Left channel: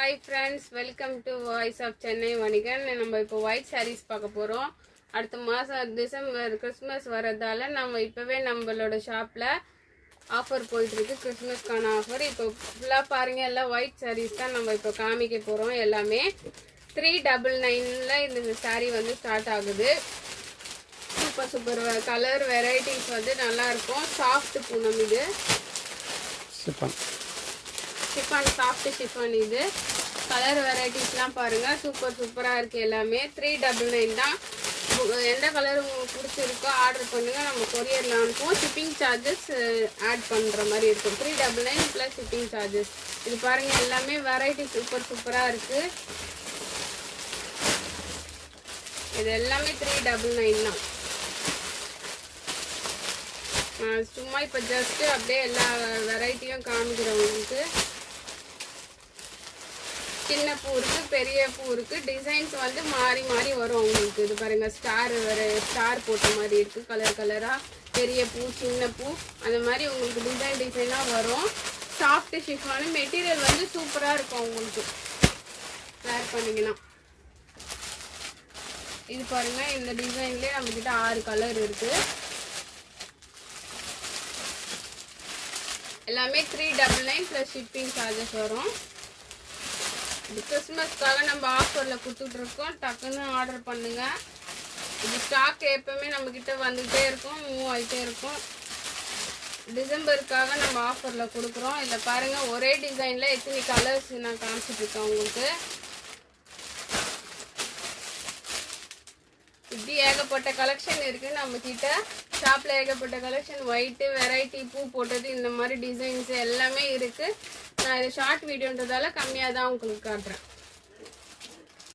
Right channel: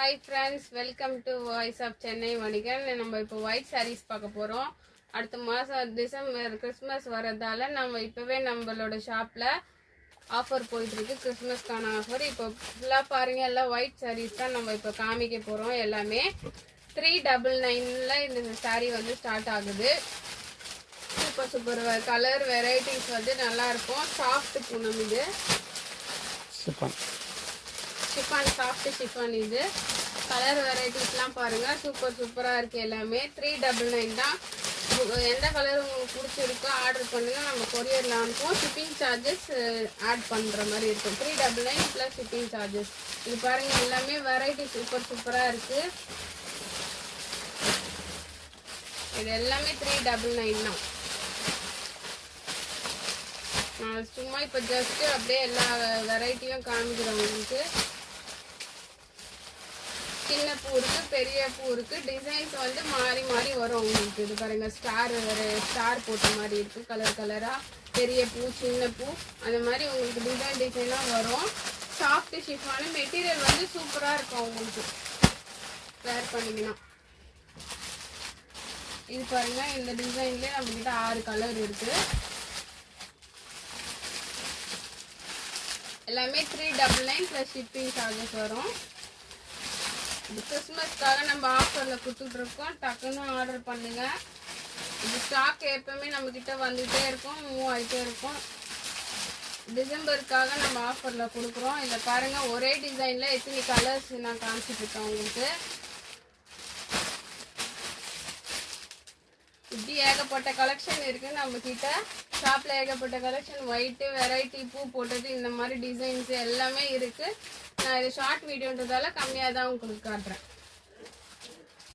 Hi friends, welcome to Voice of Chennai Vanigan. நம்ம இப்போ white sarees பார்க்க போறோம். அடுத்த மாசம் டிசம்பர் கிறிஸ்மஸ் வரதால நம்ம இப்பவே நம்மளோட ஷாப்ல ஆஃபர் போயிட்டு இருக்கு. கிறிஸ்மஸ்க்கான ஆஃபர். இப்போ ஃபுல்லா பாருங்க, எல்லாம் white sarees தான் நம்ம இப்போ காமிக்க போறோம். எல்லாமே 399ல இந்த saree வந்து ஸ்டார்ட் ஆகுது. சூப்பர் கலர் வெரைட்டிஸ் வந்து நல்லா இருக்கும். சாஃப்ட் பூனம் இது. சிஃபான் சாஃப்ட் சிஃபான் இது. கலர் வெரைட்டிஸ்லாம் பாருங்கள், சூப்பராக இருக்குது எல்லாமே. 399 தான். எந்த கலர் உங்களுக்கு பிடிச்சிருக்கோ ஆர்டர் பண்ணுங்கள், நம்ம கொரியரில் அனுப்புவோம். ஷிப்பிங் சார்ஜஸ் ஆட் பண்ணுற மாதிரி இருக்கும். 399 ப்ளஸ் ஷிப்பிங் சார்ஜஸ். இது பாருங்கள், எல்லாமே வெரைட்டி சூப்பராக இருக்குது. இது எல்லாமே 399 தான். சும்மா இப்போ ஜஸ்ட்டு அப்படியே எல்லா வெரைட்டியும் காமிக்கிறோம் உங்களுக்கு. சின்ன பூ இருக்குது, பெரிய பூ இருக்குது. டிசைன்ஸ் வந்து மாறி வரும் உங்களுக்கு. இது பாருங்கள், ஸ்டார் போட்ட மாதிரி இருக்குது. கலராக பெரிய பூ சின்ன பூ அந்த மாதிரி உங்களுக்கு டிசைனாக வரும். சாஃப்ட் ஷிஃபானு மெட்டீரியல் வந்து சூப்பராக இருக்கும் உங்களுக்கு வேர் பண்ணிங்கன்னா. இது பாருங்கள், இந்த டிசைன்லேயே நம்மக்கிட்ட 6 கலர் இருக்குது. எல்லாமே 399 ப்ளஸ் ஷிப்பிங் சார்ஜஸ் வரும். இது கிறிஸ்மஸ்க்காக நம்ம ஆஃபரில் கொடுத்துட்ருக்கோம். டக்குன்னு ஆர்டர் பண்ணுங்கள். இது ஸ்டாக் எப்போவுமே நம்மக்கிட்ட வந்துகிட்டே இருக்கும், மூவ் ஆகிட்டே இருக்கும். டிசம்பருக்காக நம்ம ஆஃபரில் கொடுக்குறோம். இதில் பாருங்கள், ஒரே டிசைனில் எத்தனை கலர்ஸ் நான் காமிச்சிட்ருக்கேன் உங்களுக்கு. இப்படி ஏகப்பட்ட கலெக்ஷன் இருக்குது நம்மக்கிட்ட ஷாப்பில். ஏகப்பட்ட கலெக்ஷன், ஒயிட்டு வெரைட்டி பூ போட்டது இந்த மாதிரி டிசைன்ஸ் எல்லாமே இருக்குது. நான் இது ஷார்ட் வீடியோன்றதால கம்மியாக தான் உங்களுக்கு காட்டுறேன்.